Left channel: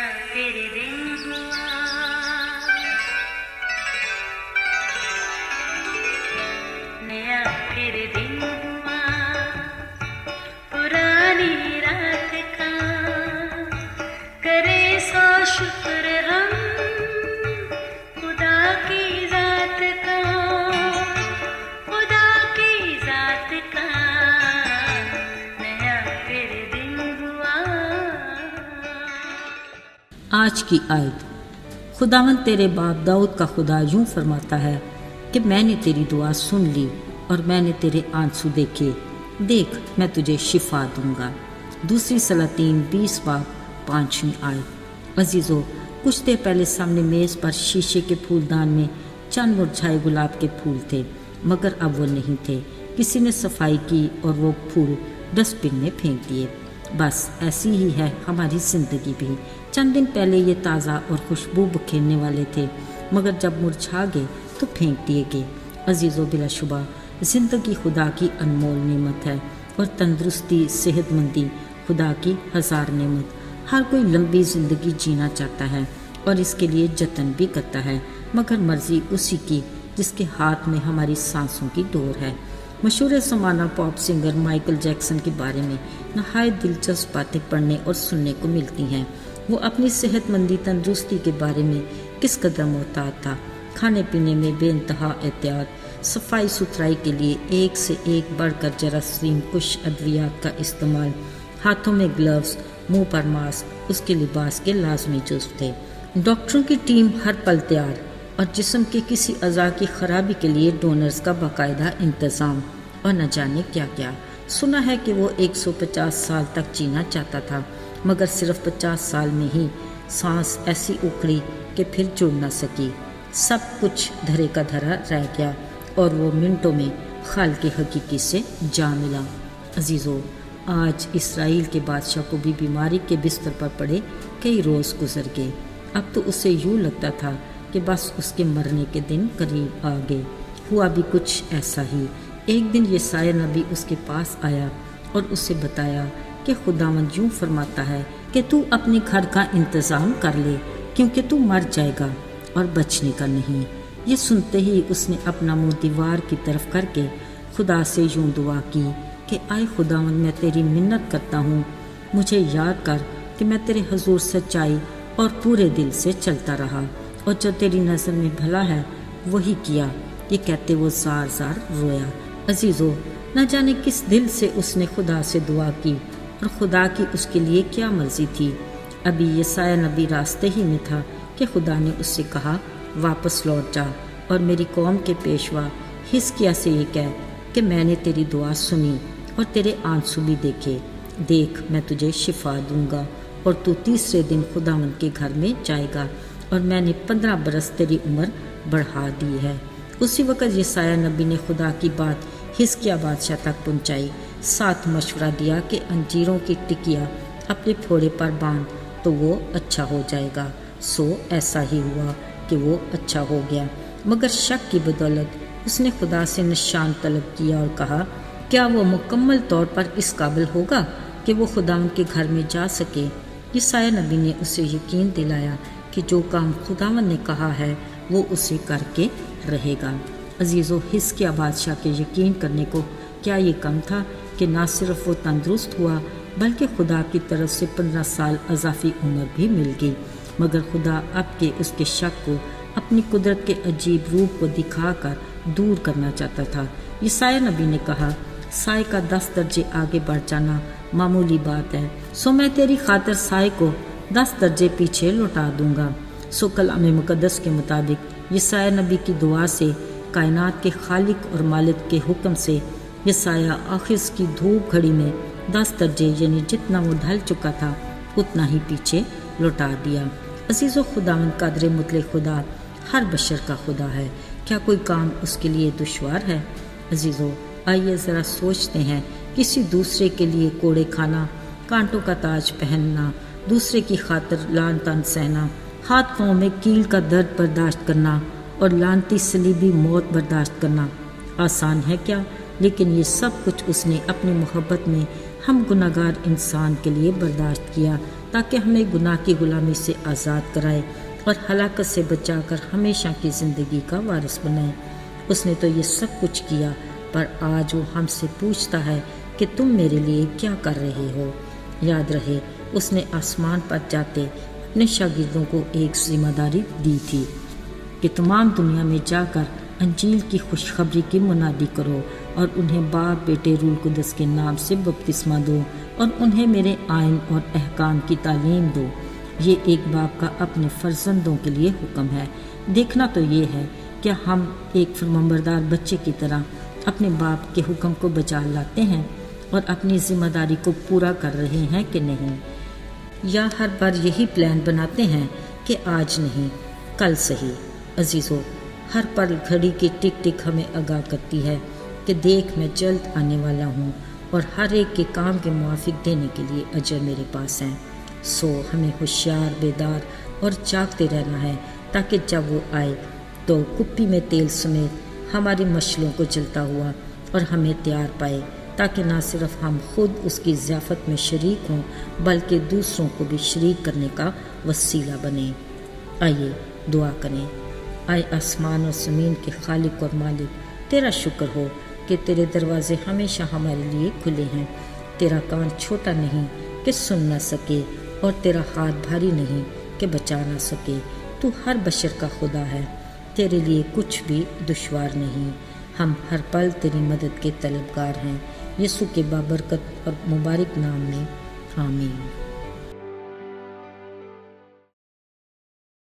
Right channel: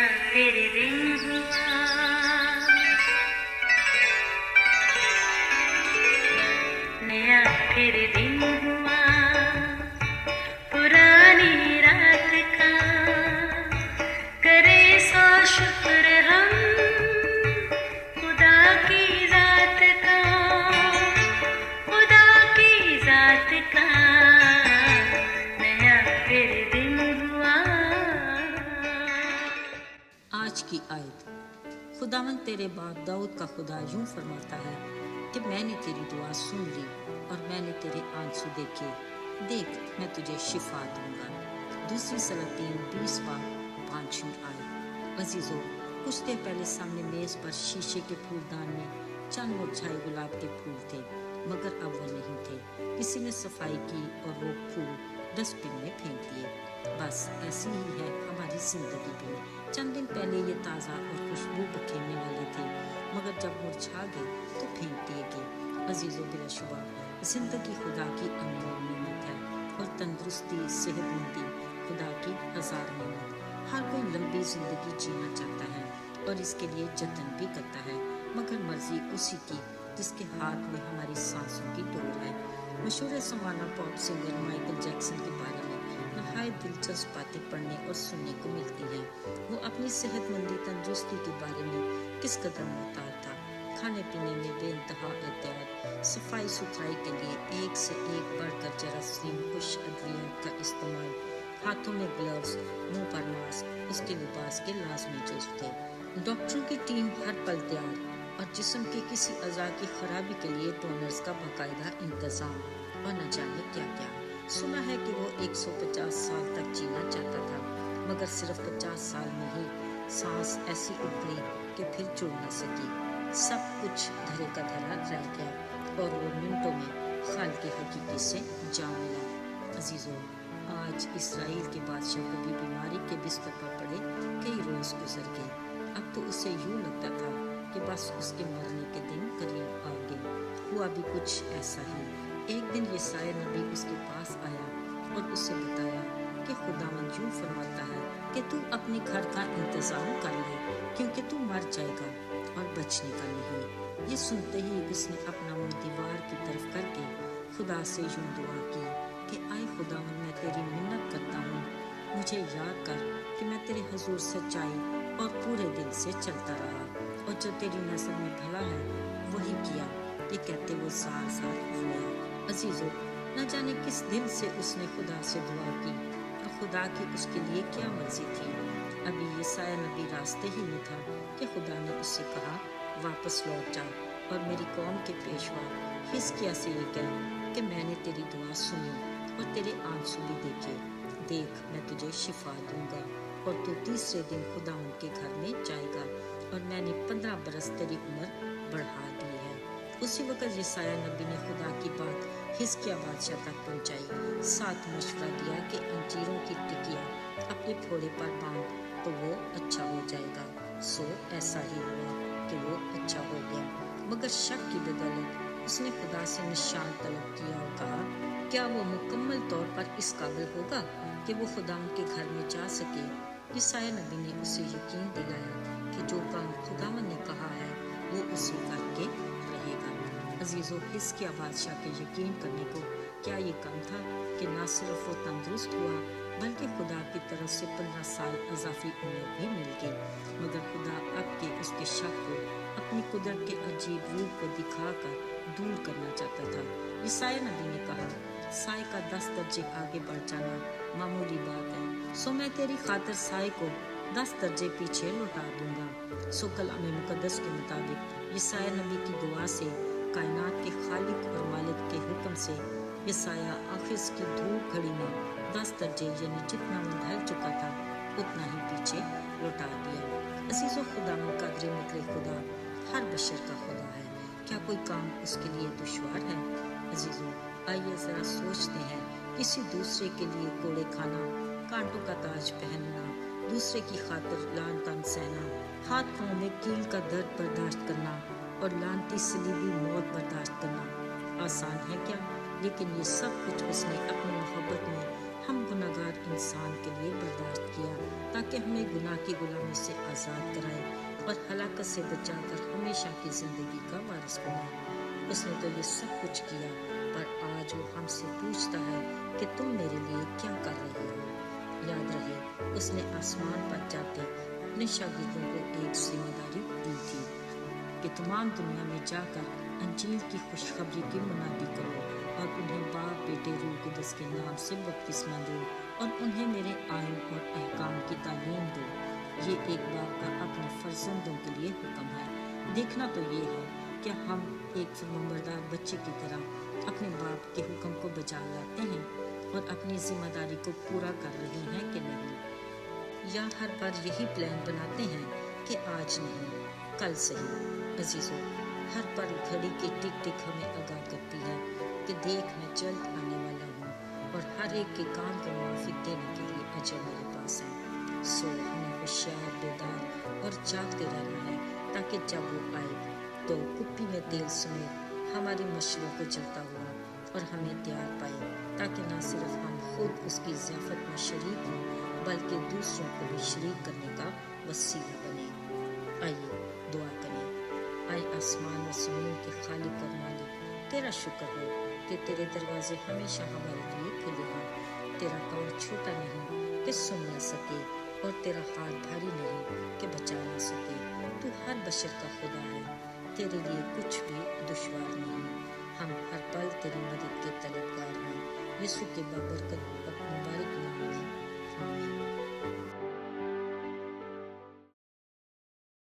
नया फिर दिन हुआ, नया फिर दिन हुआ, पुरानी रात का करे सो शुक्र हम खुदा की जात का, खुदा की जात का नया फिर दिन हुआ। आज की आयत। खुदावंद तेरे बाप दाऊद का खुदा यूं फरमाता है कि मैंने तेरी दुआ सुन ली और मैंने तेरे आंसू देखे, देख मैं तुझे शिफा दूंगा। दूसरी सलातीन 20 बाब 5वीं आयत। अजीज़ो, कुछ देर पहले सामने मेज़ पर शीशे के फूलदान में चंद मुरझाए गुलाब के फूल थे, मगर अब वो नहीं थे। किसी ने सफाई की और वो फूल डस्टबिन में फेंक दिए। बस ऐसी ही है हमारी ज़िंदगी भी। चंद दिन पहले ये ताज़ा और खुशबू बिखेरने वाले थे, मगर जब मुरझा गए तो फेंक दिए गए। अजीज़ों, बिलाशुबा ज़िंदगी खुदा की अनमोल नेमत है और तंदुरुस्ती सेहतमंदी खुदा की हज़ार नेमत। हर कोई लंबी ज़िंदगी जीना चाहता है और इसके लिए जतन भी करता है, मगर मर्ज़ी उसी की जिसके हाथ में हमारी सांसों की डोर है। मशहूर ज़माना पॉप सिंगर माइकल जैक्सन के बारे में नहायत दिलचस्प बातें पढ़ने और सुनने को मिलती हैं। वो अपनी सेहतमंदी तंदुरुस्ती के बारे में किस कदर मोहतात था। खाने पीने में बेइंतहा एहतियात, सफाई सुथराई के लिए एक से एक बढ़कर जरासीम कुश अद्वियात का इस्तेमाल, हाथों में ग्लव्स, मुंह पर मास्क उसके लिबास के लाजमी जुज़्व थे। डॉक्टरों की टीम हर पल तैयार और जिस्म के किसी अज़ा की खराबी के लिए डोनर्स का बाकायदा इंतज़ाम और न जाने क्या क्या। सुना है कि वो 150 साल तक जीना चाहता था, मगर सिर्फ 50 साल में ही सांस ऐसी उखड़ी कि फिर जुड़ न सकी। सब कुछ धरे का धरा रह गया और वो मिनटों में खाल के हकीकी से जा मिला। अजीज़ों, आज इसराइल के बादशाह को भी बीमारी के बिस्तर पर पड़े कई रोज़ गुजर गए। अब तो उसे यूँ लगता था कि बस उसके मरने के दिन करीब आ गए। हुआ भी कुछ ऐसा ही। एक दिन यसाया नबी उसके पास आया और उसे बताया कि खुदावंद यूं फरमाता है कि तू अपने घर का इंतज़ाम कर ले, क्योंकि तू मर जाएगा और बचने का नहीं। ये सुनते ही उसने अपना मुंह दीवार की तरफ करके खुदा से यूं दुआ की कि आए खुदावंद, मैं तेरी मिन्नत करता हूँ, मुझे याद कर कि मैं तेरे हुजूर सच्चाई और पूरे दिल से चलता रहा और जो तेरी नज़र में भला है वही किया। ये कहते वो ज़ार ज़ार रोया। अजीज़ों, न जाने किस दिल से उसने खुदा से दुआ की और खुदा की उसके लिए क्या मर्जी थी। अभी यसाया नबी रास्ते ही में था कि खुदा ने उससे कहा, वापस लौट जा और मेरी कौम के पेशवा हिजकिय्याह से ये कह कि मैंने तेरी दुआ सुनी और तेरे आंसू भी देखे, देख मैं तुझे शिफा दूंगा और तू तीसरे दिन खुदावंद के घर में जाएगा और मैंने 15 बरस तेरी उम्र बढ़ा दी है। उसी वक्त यसाया नबी ने खुदा की बात हिजकिय्याह बादशाह तक पहुंचाई। साथ मशवरा दिया कि अंजीरों की टिकिया अपने फोड़े पर बांध तो वो अच्छा हो जाएगा। सो ऐसा ही हुआ कि वो अच्छा हो गया, मगर शक की बदौलत उसने खुदा से निशान तलब किया और कहा, क्या वो मुकम्मल तौर पर इस काबिल होगा कि वो खुदावंद के घर में जा सके। यसाया नबी ने उसे यकीन दिलाया कि जो काम खुदावंद ने कहा है वो उसे करके रहेगा। अजीज़ों, हिजकिय्याह बादशाह के यकीन करने को क्या ये कम था कि ना सिर्फ वो तंदुरुस्त हुआ बल्कि खुदा की तरफ से 15 साल अज़ाफ़ी उम्र भी मिल गई। मगर खुदा अब के उसके शक को अपनी कुदरत के अजीब रूप को दिखाकर दूर करना चाहता था। यसाया नबी ने कहा, साए का 10 दर्जे आगे बढ़ जाना मामूली बात है, सो मैं तेरी खातिर साए को 10 दर्जे पीछे लौटा दूंगा। सो कलाम मुक़द्दस के मुताबिक यसाया नबी की दुआ से कायनात के खालिक और मालिक के हुक्म से यसाया आखिर की धूप घड़ी में 10 दर्जे यानी जितना वो ढल चुका था उतना ही पीछे लौटा दिया। अजीज़ों, खुदावंद कादिर मुतलक खुदा हर बशर का खुदा है। क्या कोई काम उसके लिए दुश्वार है? अजीज़ों, आइए ज़रा सोचते हैं, किसी दूसरे के लिए कोड़े खाना, कांटों का ताज पहनना, दूसरे की खातिर लान तान सहना, हाथ पाँव में कील का दर्द बर्दाश्त करना और लानती सलीबी मौत बर्दाश्त करना आसान है क्या? लेकिन ये सब कुछ उसने अपनी मोहब्बत में ہم گناہگار انسان کے لیے برداشت کیا تاکہ ہمیں گناہ کی غلامی سے آزاد کرائے اور ہلاکت سے بچا کر ہمیشہ کی زندگی کا وارث بنائے۔ اس نے تو یہ سب کچھ کیا، پر آج وہ ہم سے پوچھتا ہے کہ تم میرے لیے کیا کر رہے ہو۔ یاد رہے اس نے آسمان پر جاتے اپنے شاگردوں کو ایک ذمہ داری دی تھی کہ تمام دنیا میں جا کر انجیل کی خوشخبری کی منادی کرو اور انہیں باپ بیٹے روح القدس کے نام سے بپتسمہ دو اور انہیں میرے آئین اور احکام کی تعلیم دو۔ یہ ایک باپ کا اپنے فرزندوں کے لیے حکم ہے۔ دیکھنا تو یہ ہے کہ ہم ایک فرمانبردار بچے کی طرح اپنے باپ کے حکم کو بجا لاتے ہیں اور اپنی ذمہ داری کو پورا کر رہے ہیں کہ نہیں، یا ہر بار یہی پلان بناتے ہیں کہ آج نہیں کل صحیح۔ عزیزو، ہر پل گھڑی کی ٹک ٹک ہمیں آگاہ کرتی ہے کہ دیکھ میں جلد آنے والا ہوں اور ہر ایک کے کام کے موافق دینے کے لیے اجر میرے پاس ہیں۔ سو ہمیں ہوشیار، بیدار اور جاگتے رہنا ہے تاکہ جب وہ آئے تو کپی میں تیل سمیت ہماری مشلوں کو جلتا ہوا اور ہمیں تیار پائے، تاکہ نہ صرف ہم خود اس کی ضیافت میں شریک ہوں بلکہ دوسروں کو بھی شریک کرنے کا وسیلہ بنے۔ آئیے دعا کریں۔ آئے آسمان اور زمین کے خالق اور مالک، تیرا شکر ہو کہ تیرے دروازے ہمیشہ ہمارے لیے کھلے ہیں۔ تیرا کان چھوٹا نہیں کہ سن نہ سکے اور تیرا ہاتھ بھاری نہیں کہ بچا نہ سکے۔ تو ہر بشر کا خدا ہے، تیرے لیے کچھ بھی دشوار نہیں۔ ہم ہر پل تیری مدد کے طلبگار ہیں۔ یسوع کے بابرکت اور مبارک نام میں آمین۔